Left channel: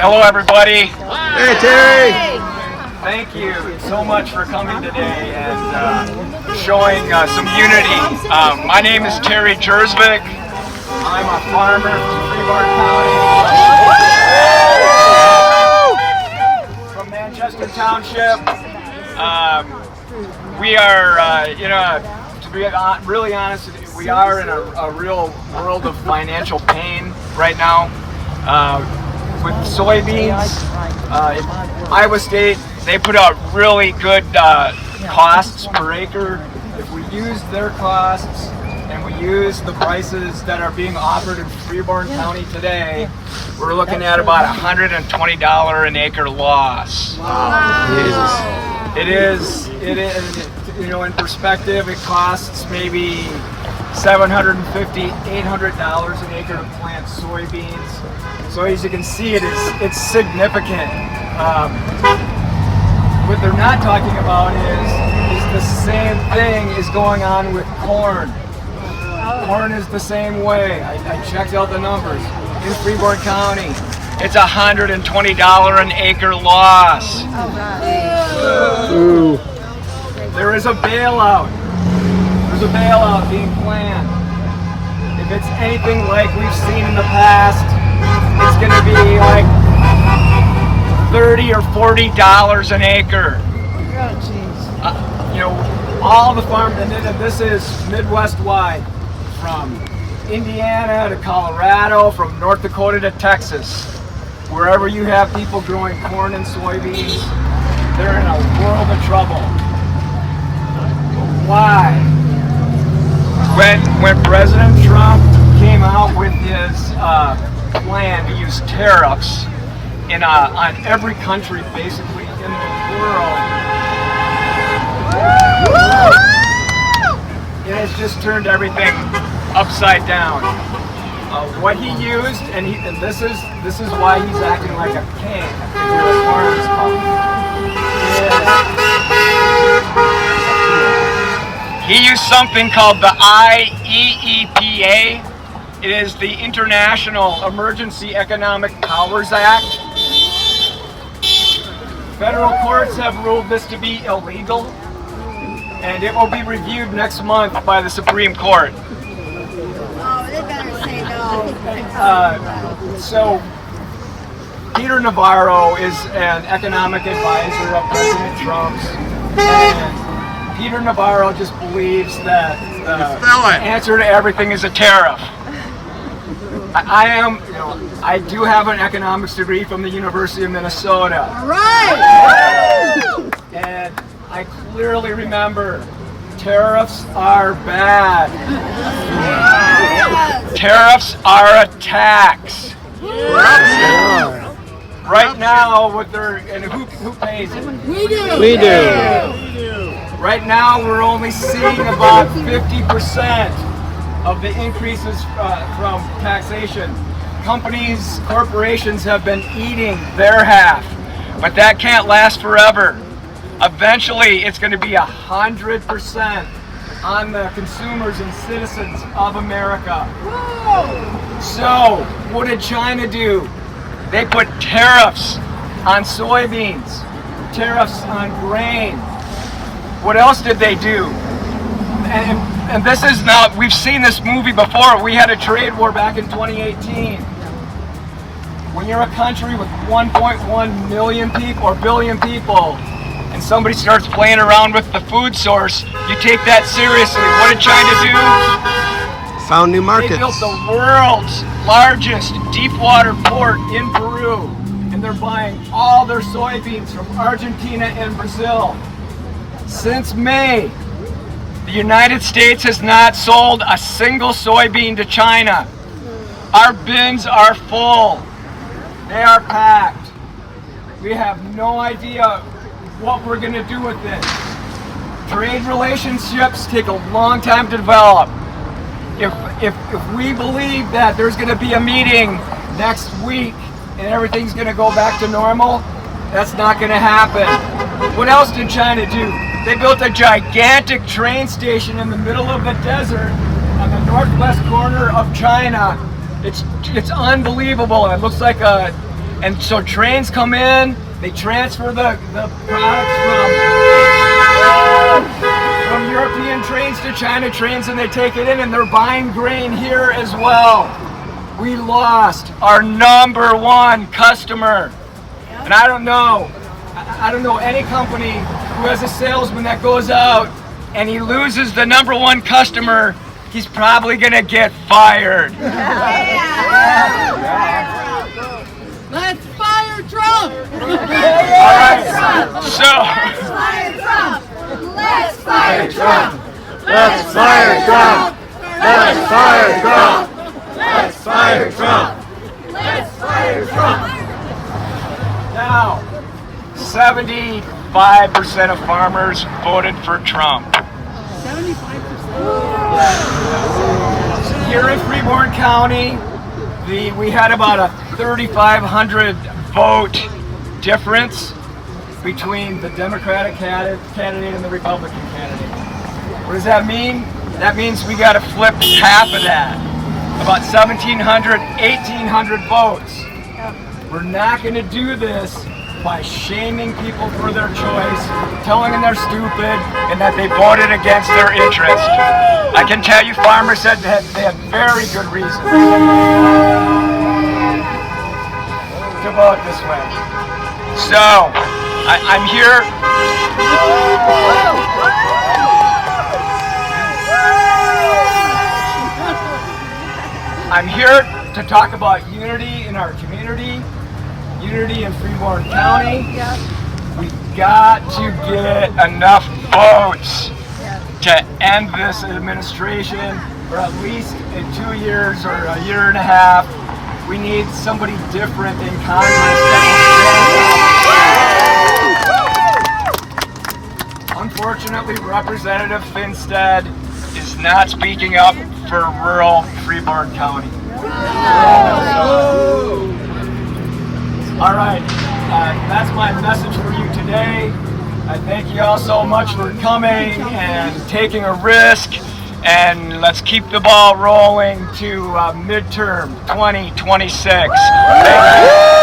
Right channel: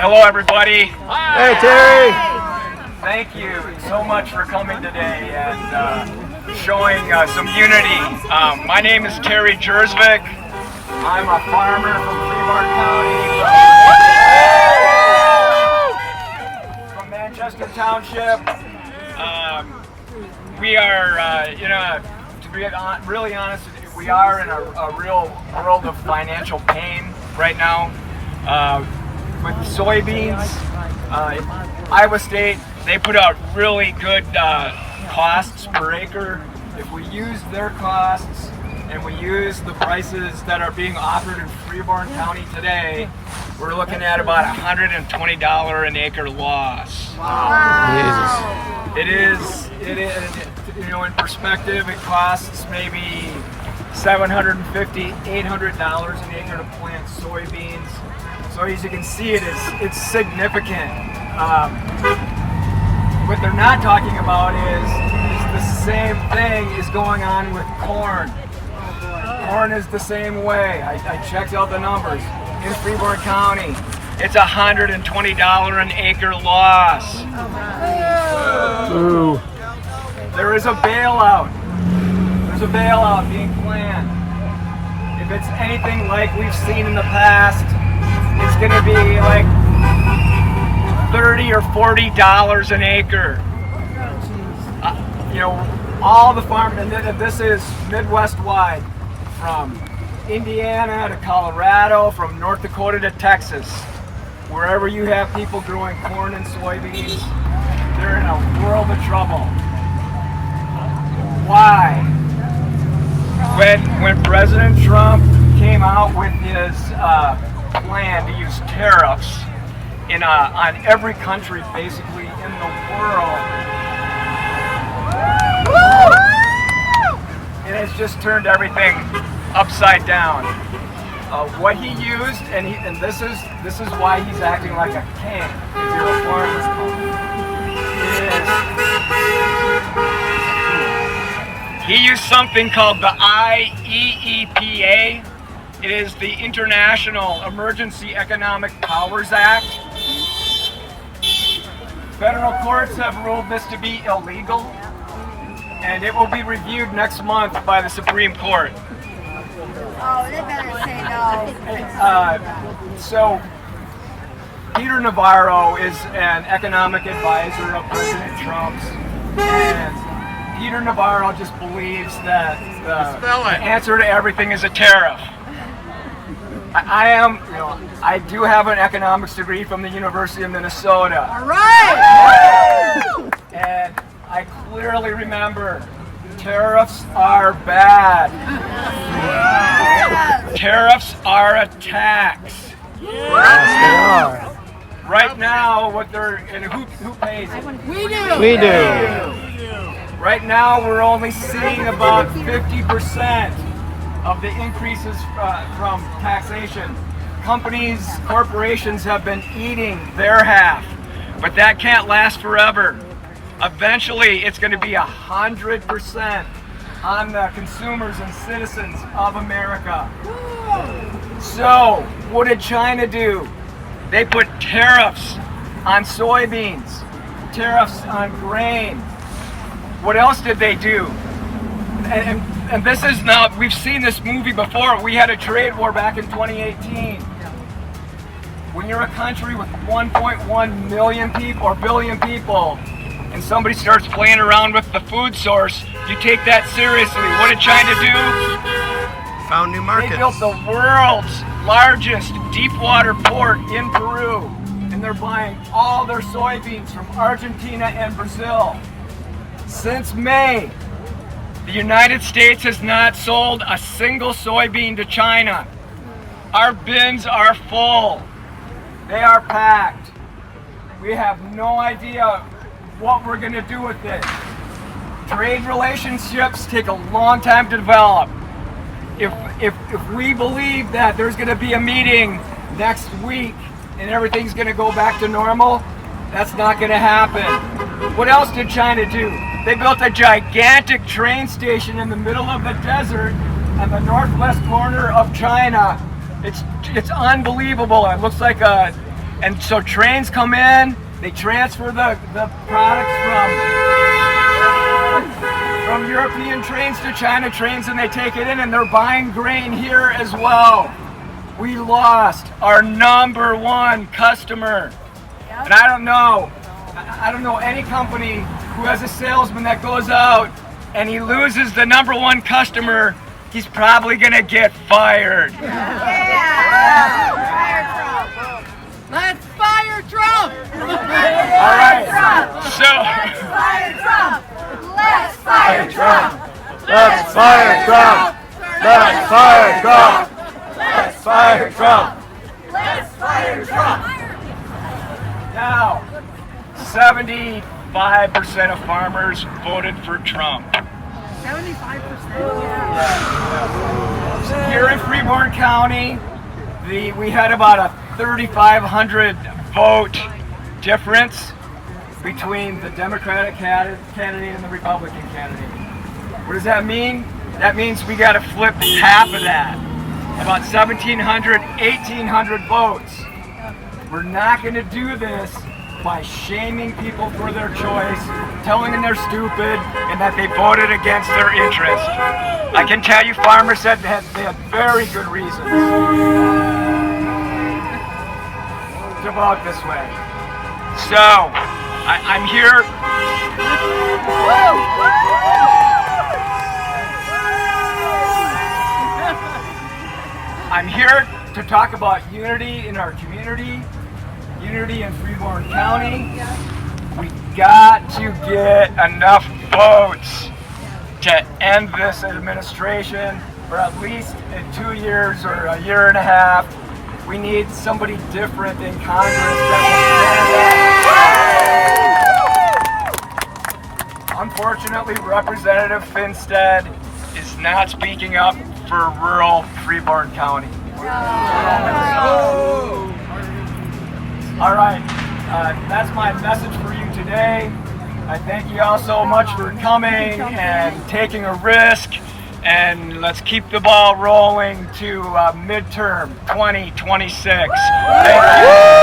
Hello, everybody. Hey, Terry. Thank you so much for coming today and showing some unity. My name is Terry Gjersvik. I'm a farmer from Freeborn County, from Manchester Township. We are, to be really honest with you, we are in a real world of financial pain right now. With soybeans, in Iowa State, they put out really good costs per acre. If we use their costs and we use the prices that are being offered in Freeborn County today, we're looking at about $120 an acre loss. Wow. It is, in perspective, it costs maybe $750, $800 an acre to plant soybeans. So as you can see, it's significant. What they're not talking about is the same thing is going on with corn. Corn is the same way. I checked out the numbers. In Freeborn County, it's $120 an acre loss. Ooh. There is a bailout. There's a bailout being planned. If it's anything like we've seen in the past, it's going to be like $30 or $40 an acre. All the farm, and this is Midwest wide, from Indiana to Colorado, from North Dakota to Texas. Wherever you have people growing corn and soybeans, they're in a world of trouble. Why? When President Trump came out with his plan to use tariffs on every country basically in the world, it has just turned everything upside down. What he used, and this is why he's acting like a king. If you're a farmer's he used something called the IEEPA. It is the International Emergency Economic Powers Act. Federal courts have ruled this to be illegal, and it will be reviewed next month by the Supreme Court. Oh, they better say no. So, Peter Navarro is an economic advisor of President Trump's, and Peter Navarro just believes that the answer to everything is a tariff. I do have an economics degree from the University of Minnesota. All right. And I clearly remember tariffs are bad. Yes. Tariffs are a tax. Corruption. Right now, who pays it? We do. We do. Right now, we're only seeing about 50% of the increases from taxation. Corporations have been eating their half, but that can't last forever. Eventually, it's going to be 100% on the consumers and citizens of America. Whoa. So, what did China do? They put tariffs on soybeans, tariffs on grain. What else did they do? And this is now, we've seen this movie before. We had a trade war back in 2018. When you're a country with 1.1 million people or billion people, and somebody starts playing around with the food source, you take that seriously. What did China do? Found new markets. They built the world's largest deep water port in Peru, and they're buying all their soybeans from Argentina and Brazil. Since May, the United States has not sold a single soybean to China. Our bins are full. They are packed. We have no idea what we're going to do with this. Trade relationships take a long time to develop. If we believe that there's going to be a meeting next week and everything's going to go back to normal, that's not going to happen. What else did China do? They built a gigantic train station in the middle of the desert on the northwest corner of China. It's unbelievable. It looks like a, and so trains come in, they transfer the products from European trains to China trains, and they take it in, and they're buying grain here as well. We lost our number one customer. And I don't know any company who has a salesman that goes out and he loses the number one customer, he's probably gonna get fired. Let's fire Trump! All right, so. Let's fire Trump! Let's fire Trump! Let's fire Trump! Let's fire Trump! Let's fire Trump! Let's fire Trump! Now, 75% of farmers voted for Trump. 75%? Here in Freeborn County, we had about a 3,500 vote difference between the Democratic candidate and the Republican candidate. What does that mean? That means we got to flip half of that. About 1,700, 1,800 votes. We're not going to do this by shaming people for their choice, telling them they're stupid, and that they voted against their interest. I can tell you farmers said they had very good reasons to vote this way. So, I'm here. I'm here to talk about unity in our community, unity in Freeborn County. We got to get enough votes to end this administration, or at least in 2 years or a year and a half. We need somebody different in Congress that will stand up. Unfortunately, Representative Finstead is not speaking up for rural Freeborn County. All right, that's my message for you today. I thank you all so much for coming and taking a risk, and let's keep the ball rolling to midterm 2026. Thank you.